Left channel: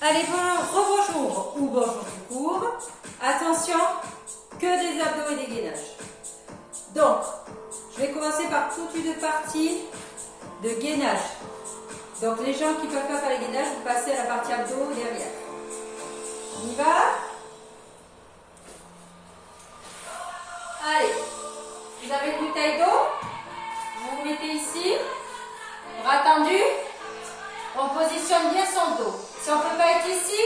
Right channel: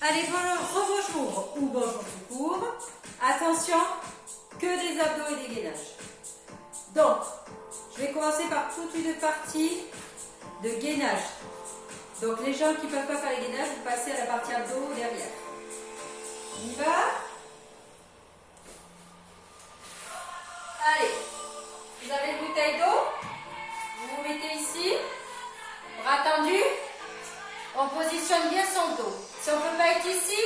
Allez, rebonjour ou bonjour tout court. Attention, que des abdos et des gainages. Donc, je vais commencer par toute une partie de gainage. Donc, les gens qui ne peuvent pas faire les gainages, vous passez à la partie abdos derrière. On y va? Allez, vous avez une bouteille d'eau. Vous vous mettez ici, bras tendus. On positionne bien son dos. Si on ne peut pas être ici,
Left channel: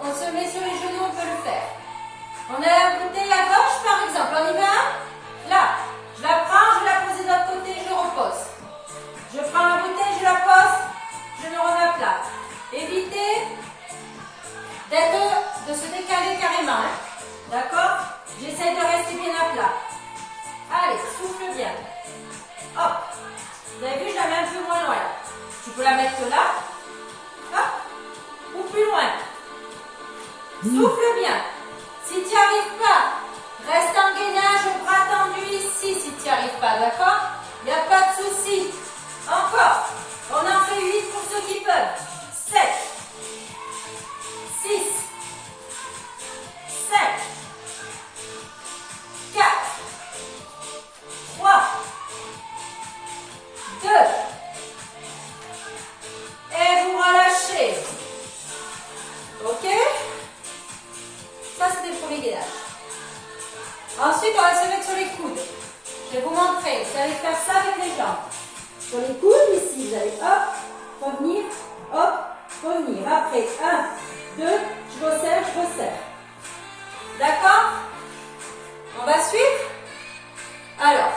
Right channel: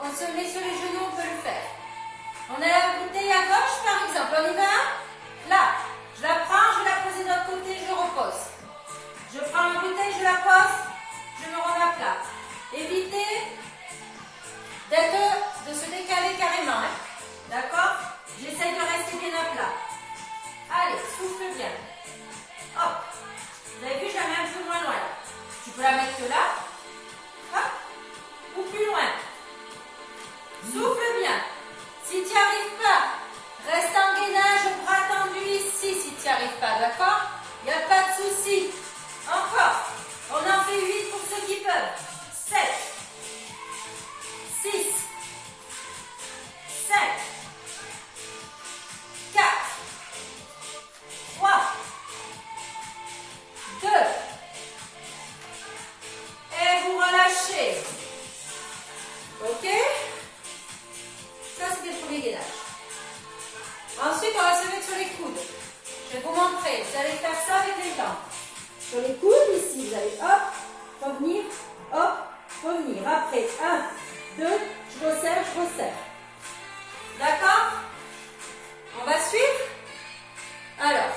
on se met sur les genoux, on peut le faire. On a la bouteille à gauche par exemple, on y va? Là, je la prends, je la pose de l'autre côté, je repose. Je prends la bouteille, je la pose, je me remets à plat. Évitez de se décaler carrément. Hein? D'accord? J'essaye de rester bien à plat. Allez, souffle bien. Hop. Vous avez vu, je la mets un peu moins loin. Tu peux la mettre là. Hop. Ou plus loin. Souffle bien. Si tu n'y arrives pas, reste en gainage au bras tendu ici si tu n'y arrives pas, d'accord? Il n'y a pas de souci. Encore. On en fait 8 pour ceux qui peuvent. 7, 6, 5, 4, 3, 2, et vous relâchez. Ok? Ça, c'était le premier gainage. Ensuite, on va se mettre sur les coudes. Je vais vous montrer. Vous allez faire ça avec les jambes. Sur les coudes, ici, vous allez hop, revenir. Après, 1, 2, je resserre. D'accord? On va suivre? Alors,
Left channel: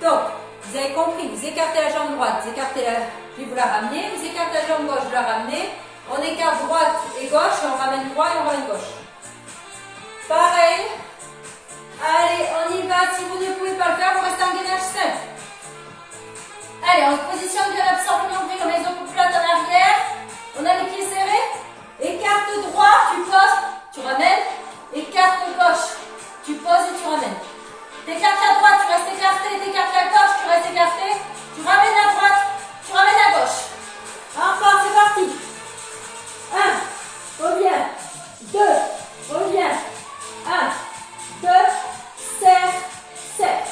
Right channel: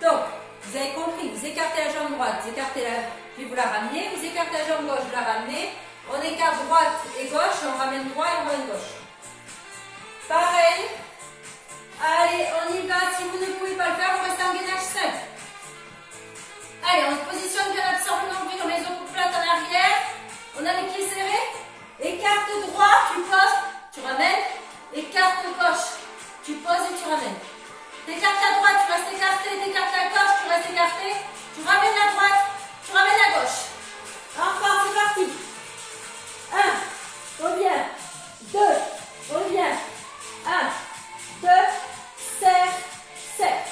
donc, vous avez compris, vous écartez la jambe droite, puis vous la ramenez, vous écartez la jambe gauche, vous la ramenez, on écarte droite et gauche, on ramène droit et on ramène gauche. Pareil, allez, on y va, si vous ne pouvez pas le faire, vous restez en gainage simple. Allez, on se positionne bien l'absorbe le nombril, on met les os plates en arrière, on a les pieds serrés, écarte droit, tu poses, tu ramènes, écarte gauche, tu poses et tu ramènes. T'écartes à droite, tu restes écarté, t'écartes à gauche, tu restes écarté, tu ramènes à droite, tu ramènes à gauche. Encore, c'est parti. 1, reviens. 2, reviens. 1, 2, serre.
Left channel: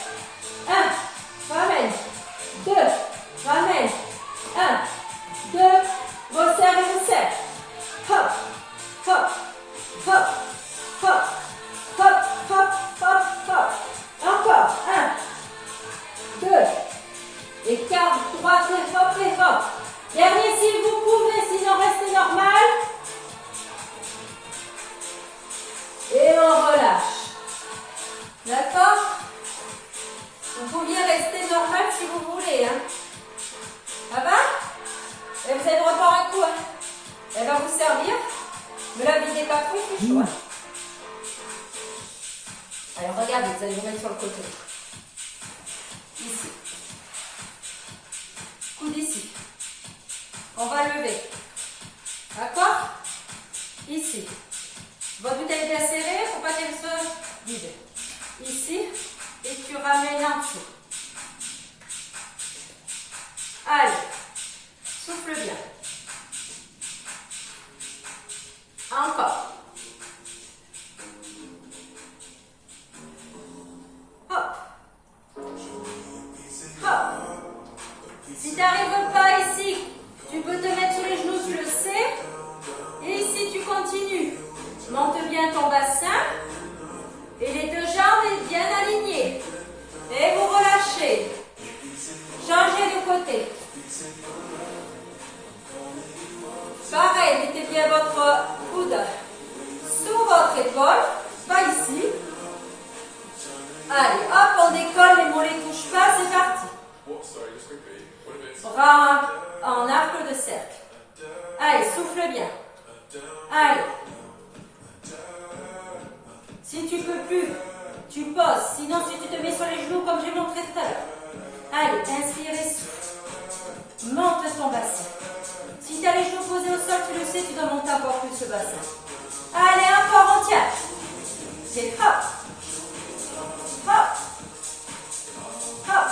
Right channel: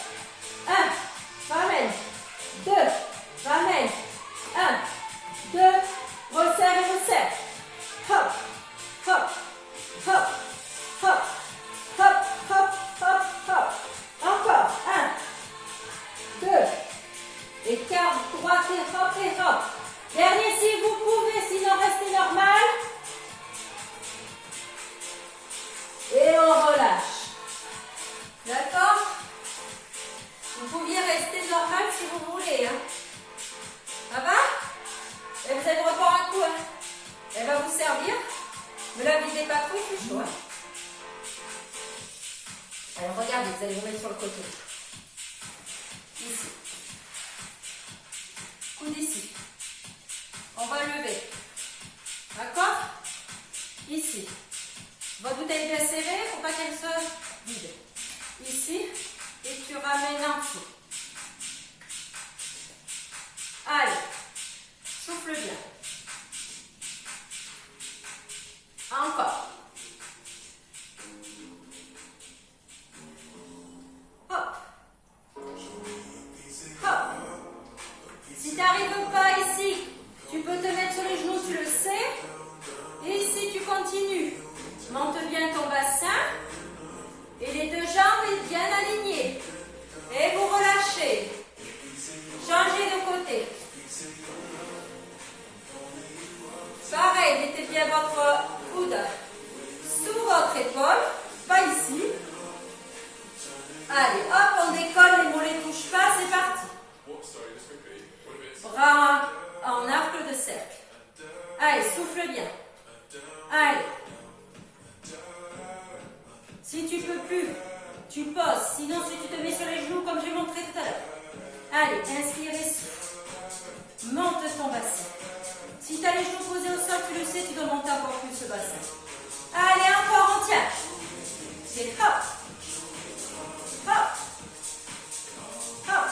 1, ramène. 2, ramène. 1, 2, resserre et resserre. Hop, hop, hop, hop, hop, hop, hop, hop. Encore, 1, 2, écarte droite et hop. Dernier si vous pouvez, sinon restez normal. Et on relâche. D'accord? Vous pouviez rester normal si vous voulez. Hein. Ça va? Et vous allez reprendre un coup. Hein. Elle va vous servir. Mais la videz pas trop, il fait chaud. Hein. Alors regardez, vous allez vous mettre sur le côté. Ici. Coude ici. On va lever. D'accord? Ici. Votre bouteille est bien serrée, il ne faut pas qu'elle soit vide. Ici. Et tu ramènes en dessous. Allez. Souffle bien. Encore. Hop. Hop. Si tu n'arrives pas ici, tu peux te mettre sur les genoux, tu le sais. Et ici, tu continues. Monte bien ton bassin. Et les deux jambes bien alignées. Et vous relâchez. Changez de côté. Pareil, mettez bien votre coude sous votre épaule. Pas ici. Allez, hop, on décolle, les mollets ne touchent pas, c'est parti. Bras en arc de cercle. Allez, souffle bien. Allez. Si tu peux plus, tu poses. Sinon, si tu te mets sur les genoux comme j'ai montré tout à l'heure. Allez, inspire et souffle. Monte ton bassin. Si tu as les genoux posés au sol, tu le sais, tu dois monter encore plus ce bassin. Allez, encore, on tient. Et hop. Hop. Hop.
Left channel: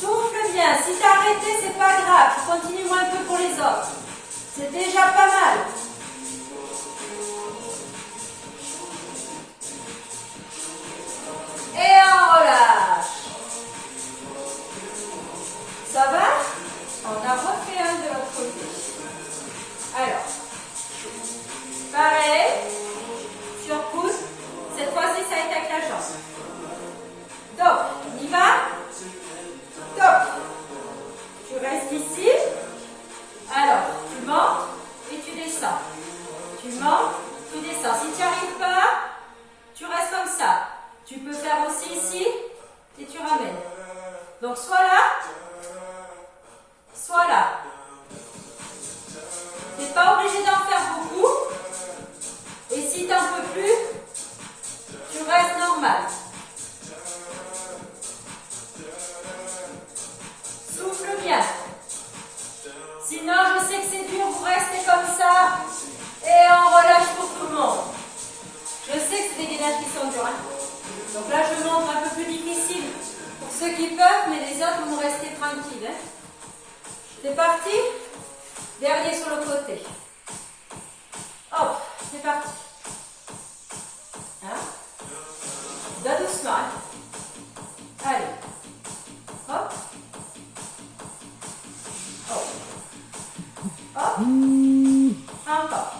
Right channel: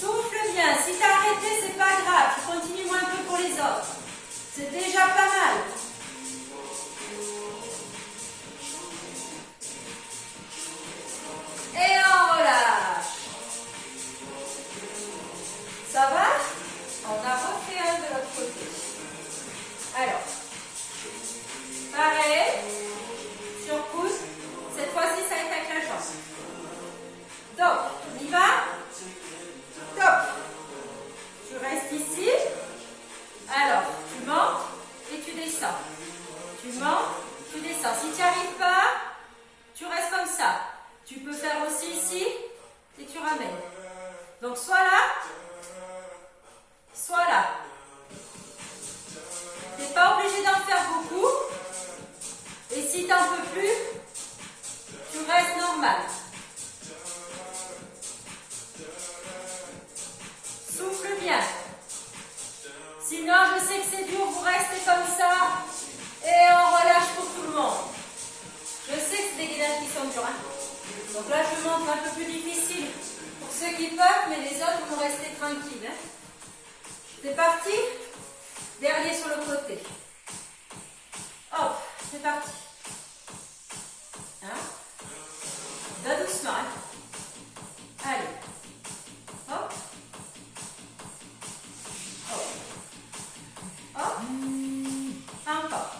Souffle bien. Si tu as arrêté, c'est pas grave. Tu continues un peu pour les autres. C'est déjà pas mal. Et on relâche. Ça va? On a refait un de l'autre côté. Alors, pareil, sur coude. Cette fois-ci, ça va être avec la jambe. Donc, on y va. Top. Tu restes ici. Alors, tu montes et tu descends. Tu montes, tu descends. Si tu n'y arrives pas, tu restes comme ça. Tu peux faire aussi ici et tu ramènes. Donc, soit là, soit là. Tu n'es pas obligé d'en faire beaucoup. Et si tu n'en peux plus, tu restes normal. Souffle bien. Sinon, je sais que c'est dur, vous restez comme ça et on relâche pour tout le monde. Je sais que c'est des gainages qui sont durs. Donc là, je montre un peu plus difficile pour ceux qui peuvent, mais les autres vont rester tranquilles. C'est parti. Dernier sur le côté. Hop, c'est parti. Va doucement. Allez. Hop. Hop. Hop. Encore.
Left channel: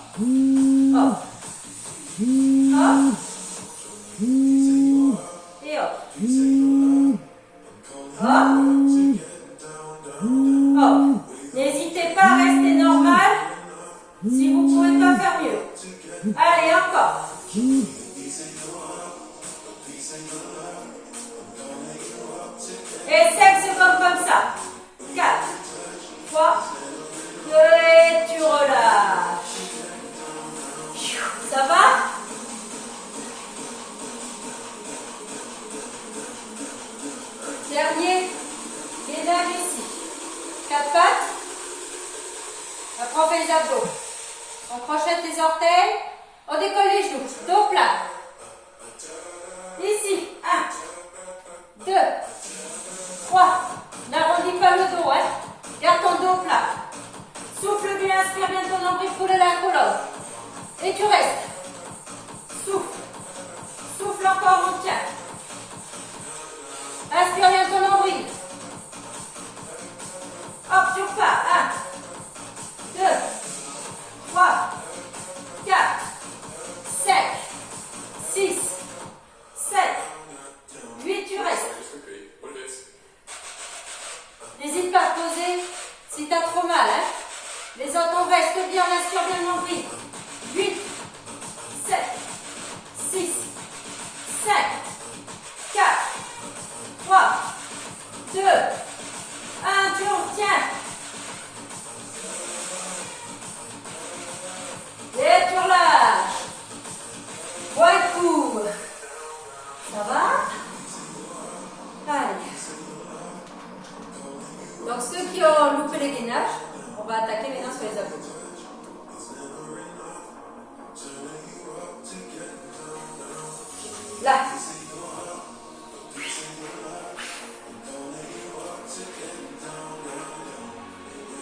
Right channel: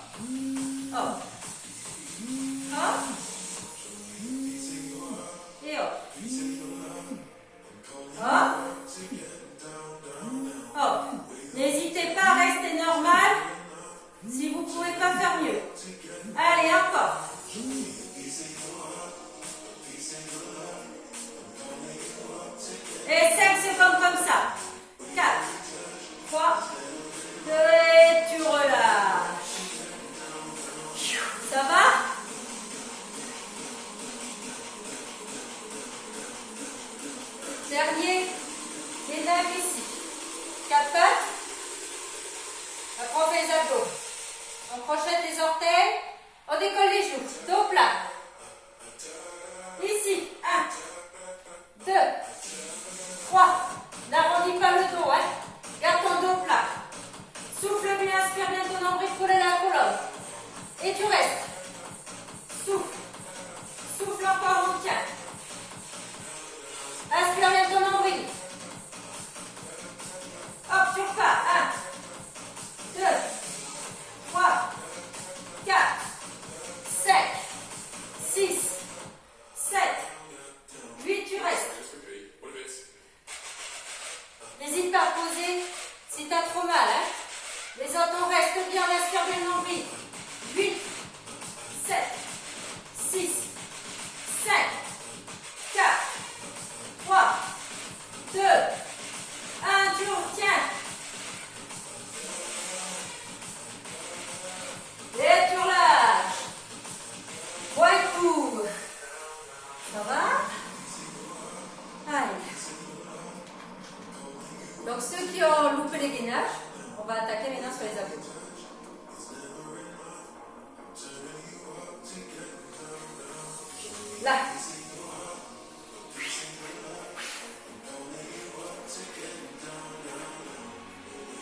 Hop. Hop. Et hop. Hop. Hop. N'hésitez pas à rester normal si vous ne pouvez pas faire mieux. Allez, encore. Et 5 secondes comme ça. 4, 3, 2 et tu relâches. Ça va? Dernier gainage ici. 4 pattes. Après on fait les abdos. On crochette les orteils. On décolle les genoux. Dos plat. Ici. 1, 2, 3. N'arrondis pas le dos. Garde ton dos plat. Souffle bien, inspire bien ton nombril, coller la colonne. Et tu restes. Souffle. Souffle encore, on tient. Inspire bien ton nombril. Hop, tu repars. 1, 2, 3, 4, 5, 6, 7, 8, tu restes. N'hésite pas à poser si tu as trop mal. Les autres, on reste bien, on inspire bien le nombril. 8, 7, 6, 5, 4, 3, 2, 1, tu retiens. Et tu relâches. Point coup. Ça va? Allez. Donc ceux qui ont loupé les gainages, on va attaquer maintenant sur les abdos. Là.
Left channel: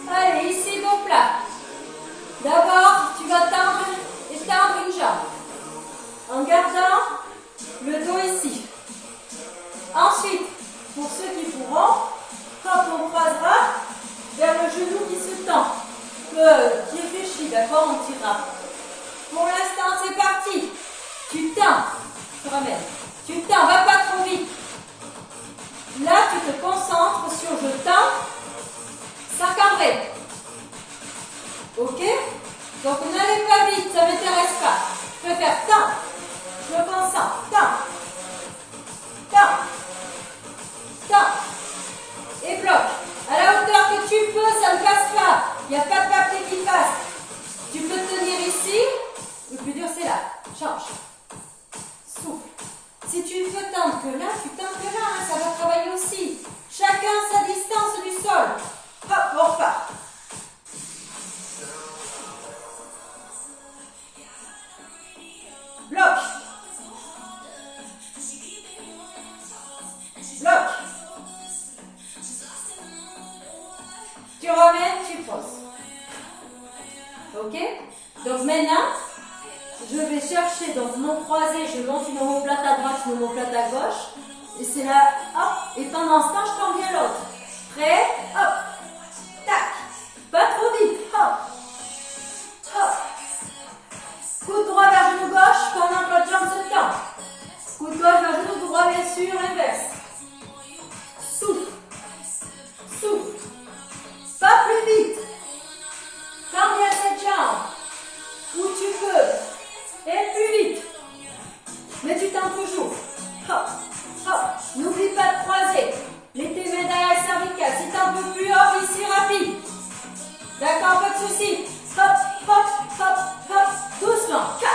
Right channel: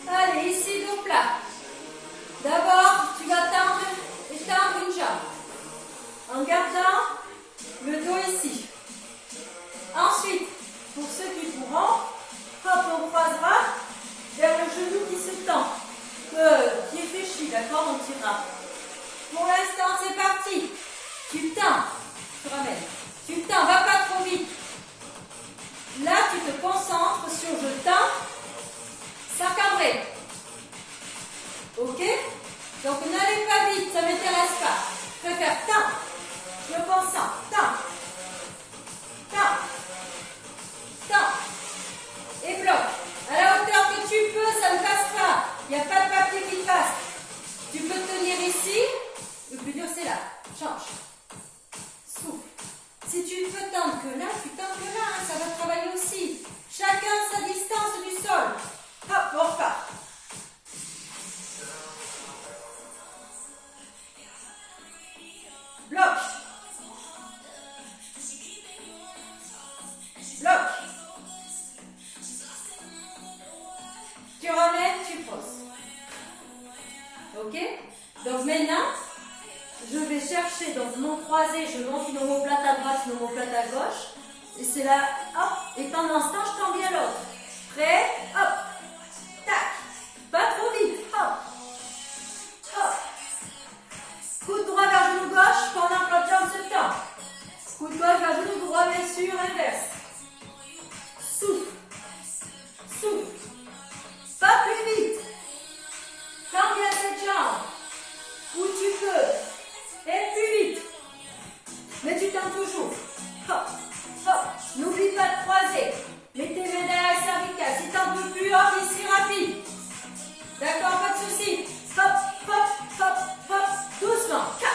Allez, ici, dos plat. D'abord, tu vas tendre et tendre une jambe. En gardant le dos ici. Ensuite, pour ceux qui pourront, hop, on croisera vers le genou qui se tend. Qui est fléchi, d'accord, on tirera. Pour l'instant, c'est parti. Tu tends. Tu ramènes. Tu tends, va pas trop vite. Là, tu te concentres sur je tends, ça cambré. Ok? Donc, n'allez pas vite, ça ne m'intéresse pas. Je peux faire tends. Je me concentre. Tends. Tends. Tends. Et bloque. À la hauteur que tu peux, ça ne passe pas. Il n'y a pas de papier qui passe. Tu peux tenir ici. Le plus dur, c'est là. Change. Souffle. Si tu peux tendre que là, tu tends que là. Ça va travailler aussi. Chacun sa distance du sol. Hop, on repart. Ok? Donc maintenant, je vais chercher donc mon croisé, je monte une omoplate à droite, une omoplate à gauche. Et c'est là, hop, et pendant ce temps, je tends bien l'autre. Prêt? Hop, tac, pas trop vite, hop, hop. Coude droit vers genou gauche pendant que l'autre jambe se tend. Coude gauche vers genou droit, bien sûr, inverse. Souffle, souffle, pas plus vite. Tends bien cette jambe, où tu peux, et plus vite. Mais tu tends toujours. Hop, hop, n'oublie pas de croiser. Mets tes mains derrière la cervicale. Si t'en peux plus, hop, ici rapide. D'accord, pas de souci. Hop, hop, hop, hop, doucement. 4,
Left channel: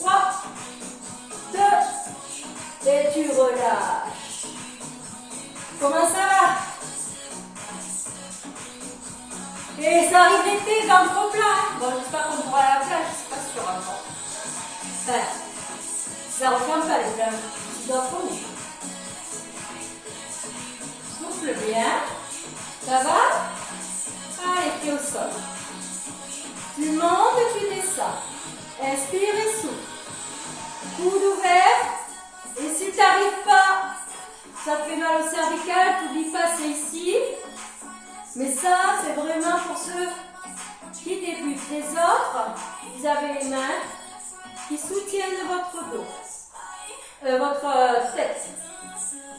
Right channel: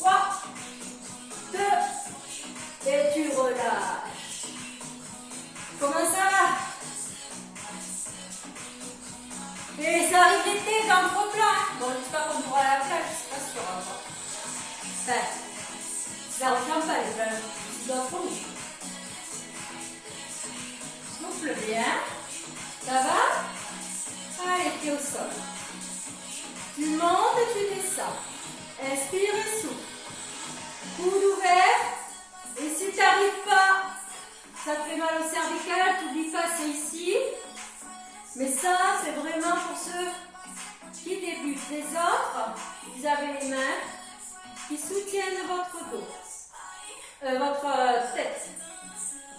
3, 2, et tu relâches. Comment ça va? Et ça arrive l'été, jambes trop plein. Bon, j'espère qu'on pourra aller à la plage, c'est pas sûr encore. Enfin, ça referme pas les plages. Tu dois trop. Souffle bien. Ça va? Allez, pied au sol. Tu montes et tu descends. Inspire et souffle. Coude ouvert. Et si tu n'arrives pas, ça te fait mal au cervical, n'oublie pas, c'est ici. Mais ça, c'est vraiment pour ceux qui débutent. Les autres, vous avez les mains qui soutiennent votre dos, votre tête.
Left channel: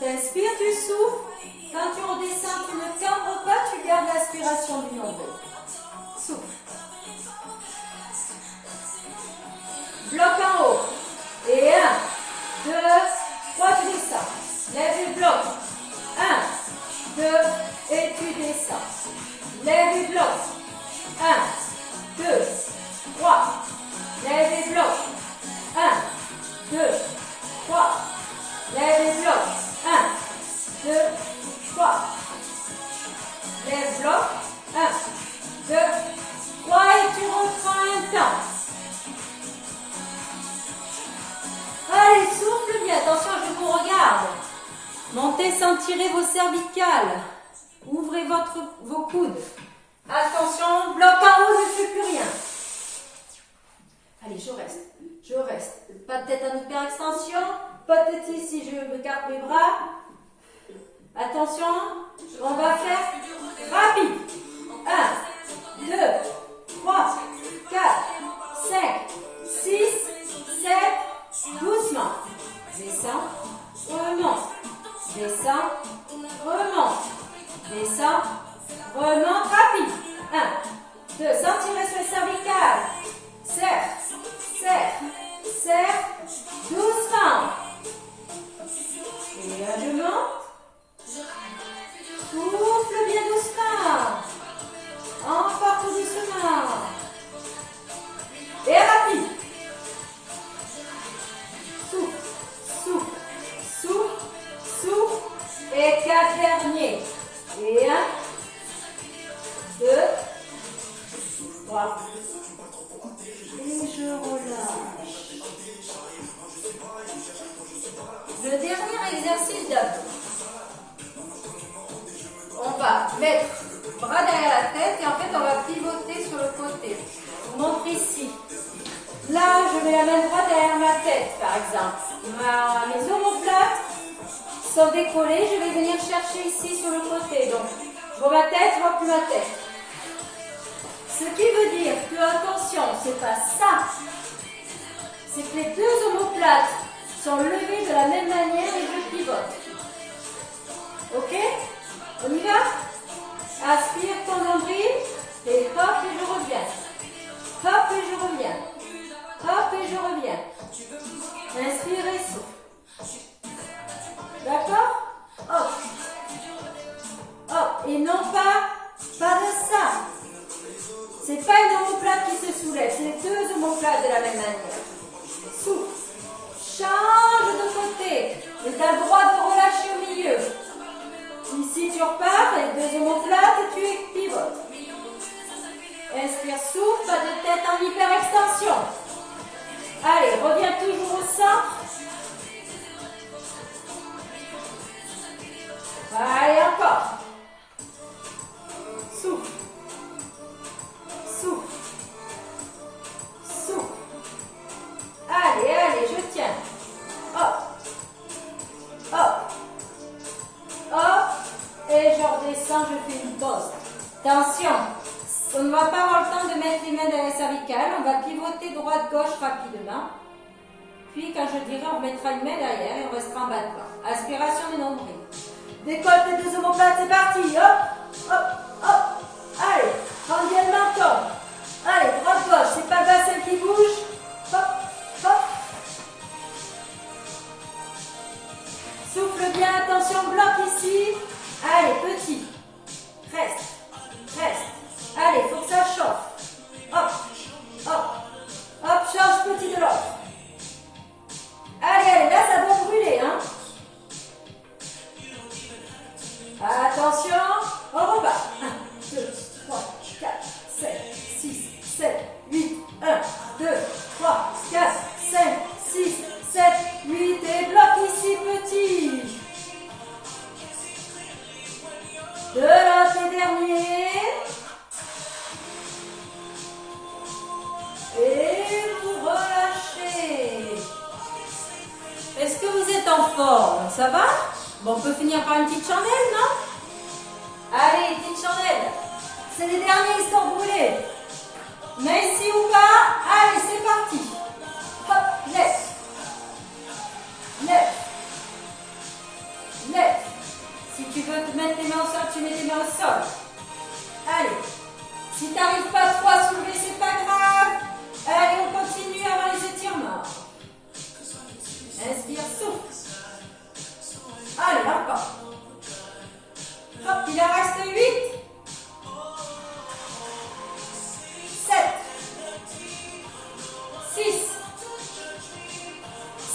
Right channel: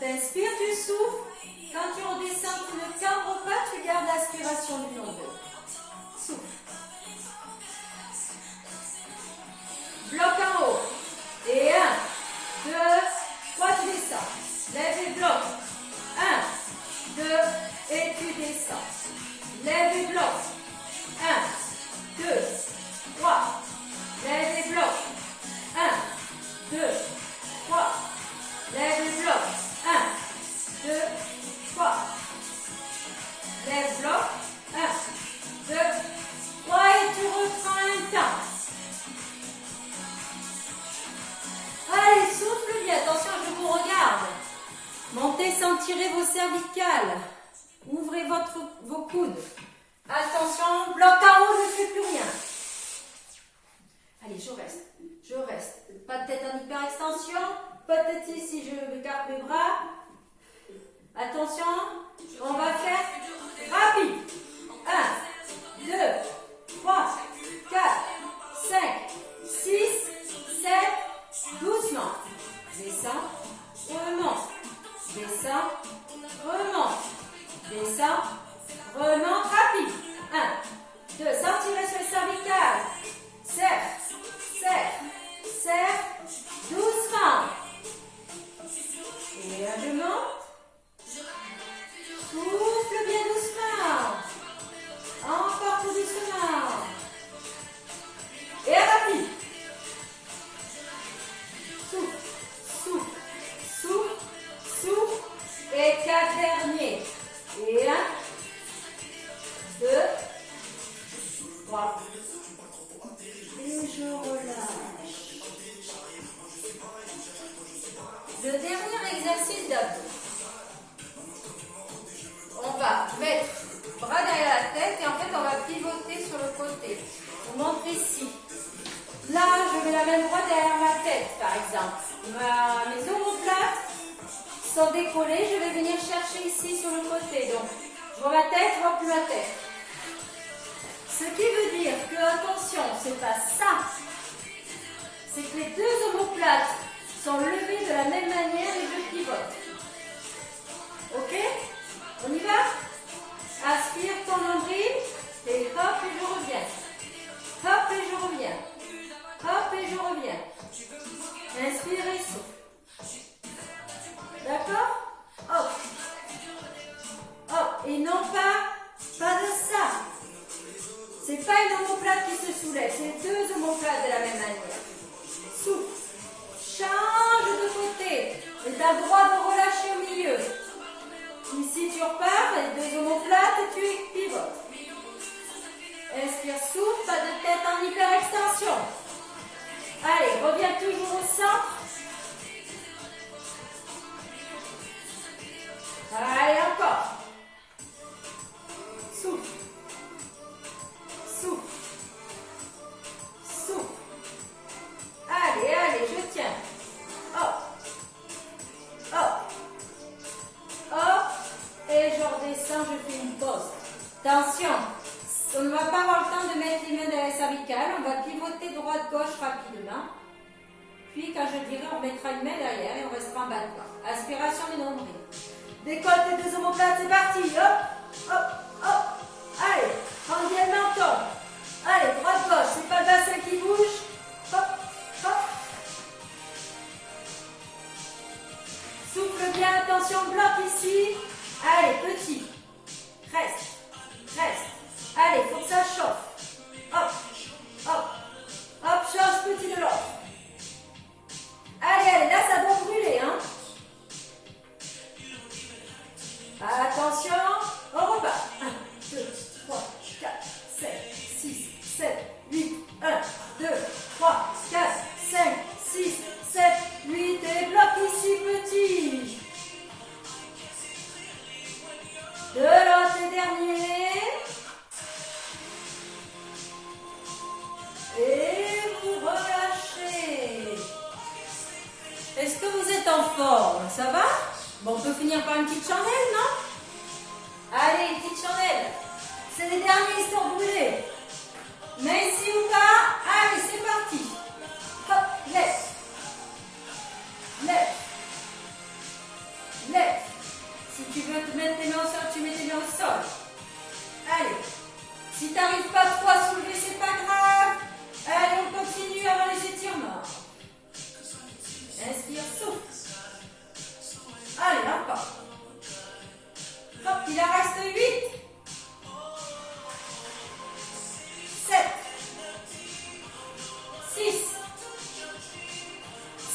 T'inspires, tu souffles. Quand tu redescends, tu ne tendres pas, tu gardes l'aspiration du nombril. Souffle. Bloc en haut. Et 1, 2, 3, tu descends. Lève et bloc. 1, 2, et tu descends. Lève et bloc. 1, 2, 3. Lève et bloc. 1, 2, 3. Lève et bloc. 1, 2, 3. Lève, bloc. 1, 2, 3. Et tu reprends un temps. Allez, souffle bien. Attention, je vous regarde. Montez sans tirer vos cervicales. Ouvrez vos coudes. Attention, bloc en haut, je ne fais plus rien. Allez, je reste. Je reste. Pas de tête en hyperextension. Pas de tête ici, je m'écarte mes bras. Attention, on va faire rapide. 1, 2, 3, 4, 5, 6, 7, doucement. Descends, remonte. Descends, remonte. Descends, remonte, rapide. 1, 2, sans tirer sur les cervicales. Serre, serre, serre, doucement. Et là, je monte. Souffle bien doucement. Encore tout doucement. Et rapide. Souffle, souffle, souffle, souffle. Et 4 derniers. Et 1, 2, 3. Et je relâche. Le dernier exercice d'abdos. On va mettre bras derrière la tête et en fait on va pivoter sur le côté. Je vous montre ici. Là, je mets la main droite derrière ma tête, par exemple. Mes omoplates sont décollées. Je vais venir chercher ici sur le côté. Donc, je vois ma tête, je vois plus ma tête. Ce qui veut dire que, attention, c'est pas ça. C'est que les deux omoplates sont levées de la même manière et je pivote. Ok? On y va? Aspire ton nombril et hop et je reviens. Hop et je reviens. Hop et je reviens. Inspire et souffle. D'accord? Hop. Hop. Et non pas de ça. C'est pas une omoplate qui se soulève, c'est deux omoplates de la même manière. Souffle. Change de côté. Et tu as le droit de relâcher au milieu. Ici, tu repars, les deux omoplates et tu pivotes. Inspire, souffle, pas de tête en hyperextension. Allez, reviens toujours au centre. Allez, encore. Souffle. Souffle. Attention, on ne va pas avoir le temps de mettre les mains dans les cervicales. On va pivoter droite-gauche rapidement. Puis, quand je dirai, on mettra une main derrière et on restera en bas de corps. Aspiration de nombril. Décolle tes deux omoplates, c'est parti. Hop, hop, hop. Allez, prends bien le menton. Allez, droite-gauche, c'est pas le bassin qui bouge. Hop, hop. Souffle bien, attention, bloc ici. Allez, petit. Reste, reste. Allez, faut que ça chauffe. Hop, hop, hop, change petit de l'autre. Allez, allez, là ça doit brûler, hein. Attention, on repart. 1, 2, 3, 4, 7, 6, 7, 8, 1, 2, 3, 4, 5, 6, 7, 8, et bloc ici, petit. De l'autre dernier. Et vous relâchez. Est-ce que vous êtes en forme? Ça va? Bon, on peut finir par une petite chandelle, non? Allez, une petite chandelle. C'est les derniers, ils sont brûlés. Mais ici ou pas? Allez, c'est parti. Hop, lève. Lève. Lève. Si tu veux te mettre les mains au sol, tu mets les mains au sol. Allez. Si tu n'arrives pas trop à soulever, c'est pas grave. Allez, on continue avant les étirements. Inspire, souffle. Allez, encore. Hop, il en reste 8. 7. 6.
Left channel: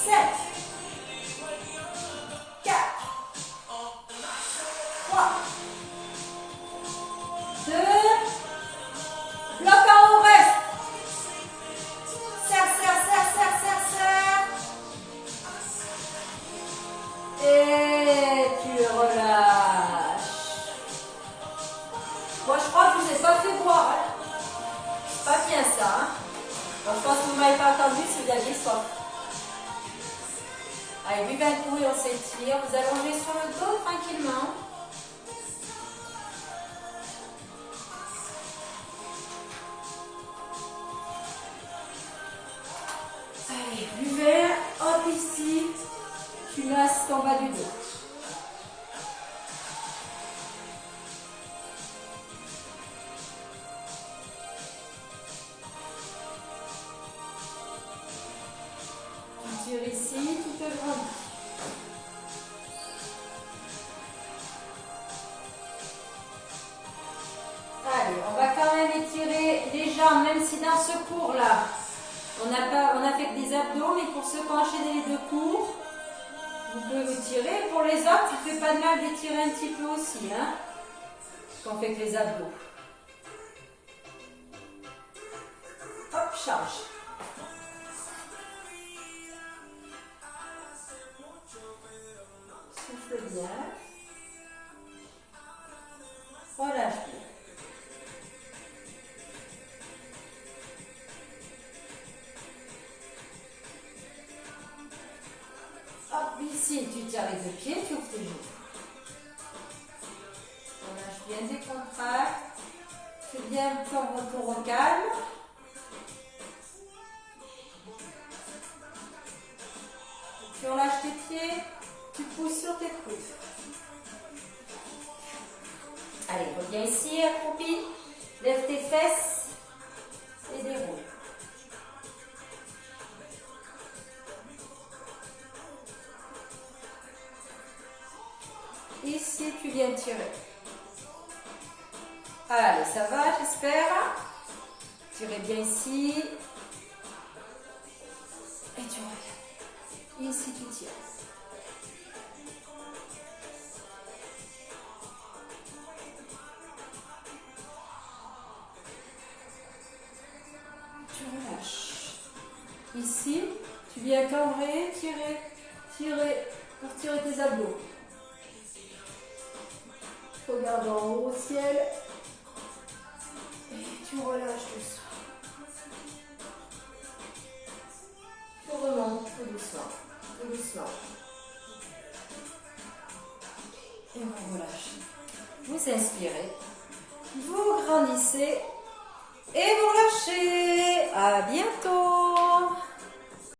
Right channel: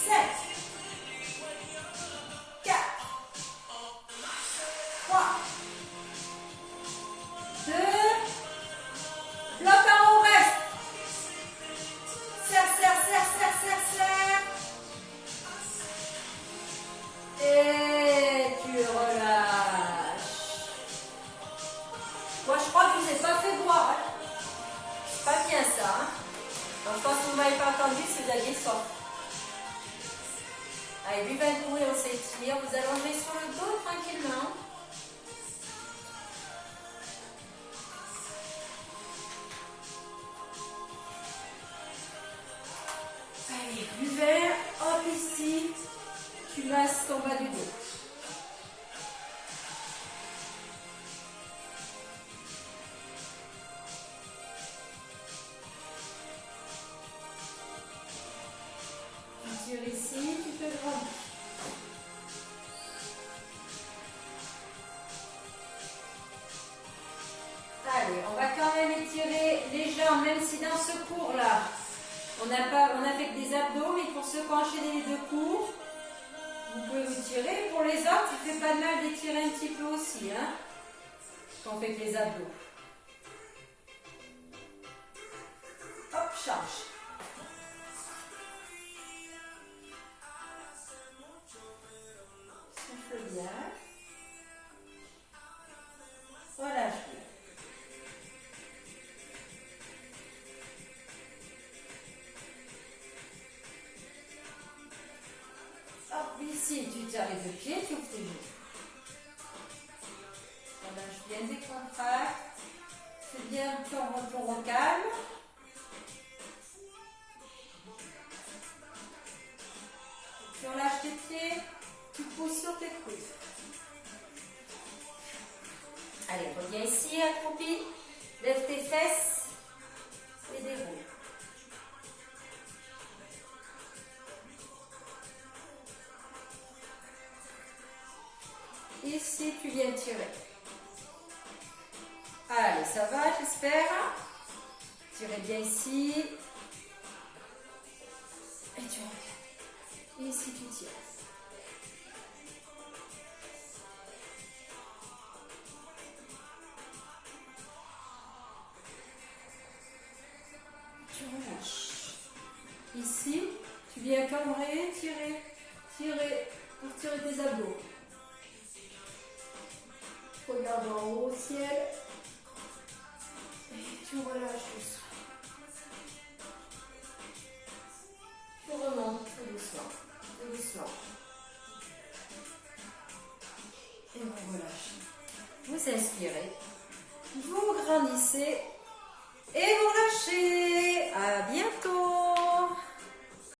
7. 4. 3. 2. Bloc en haut, reste. Serre, serre, serre, serre, serre, serre. Et tu relâches. Moi, je crois que je ne vous ai pas fait boire. Hein. C'est pas bien ça. Hein. Bon, je pense que vous ne m'avez pas entendu si vous aviez soif. Allez, buvez un coup et on s'étire. Vous allongez sur le dos tranquillement. Allez, buvez. Hop, ici. Tu masses en bas du dos. Tu tires ici, tu te grandir. Allez, on va quand même étirer les jambes, même si dans ce cours-là, on a fait que des abdos, mais pour ceux qui ont enchaîné les deux cours, vous pouvez vous tirer. Pour les autres, ça ne fait pas de mal d'étirer un petit peu aussi, hein, qu'on fait que les abdos. Hop, change. Souffle bien. Relâche bien. Ici, tu tires les deux pieds, tu ouvres tes genoux. Relâche bien, décontracte. Fais bien ton retour au calme. Tu relâches tes pieds, tu pousses sur tes coudes. Allez, reviens ici, accroupi. Lève tes fesses et déroule. Ici, tu viens tirer. Allez, ça va, j'espère. Tirez bien ici. Et tu reviens. Ici, tu tires. Tu relâches. Ici, tu viens cambrer, tirer, tirer, pour tirer tes abdos. Regarde en haut au ciel. Et tu relâches doucement. Tu remontes tout doucement. Tout doucement. Et on relâche. Vous inspirez. vous grandissez et vous relâchez. À bientôt.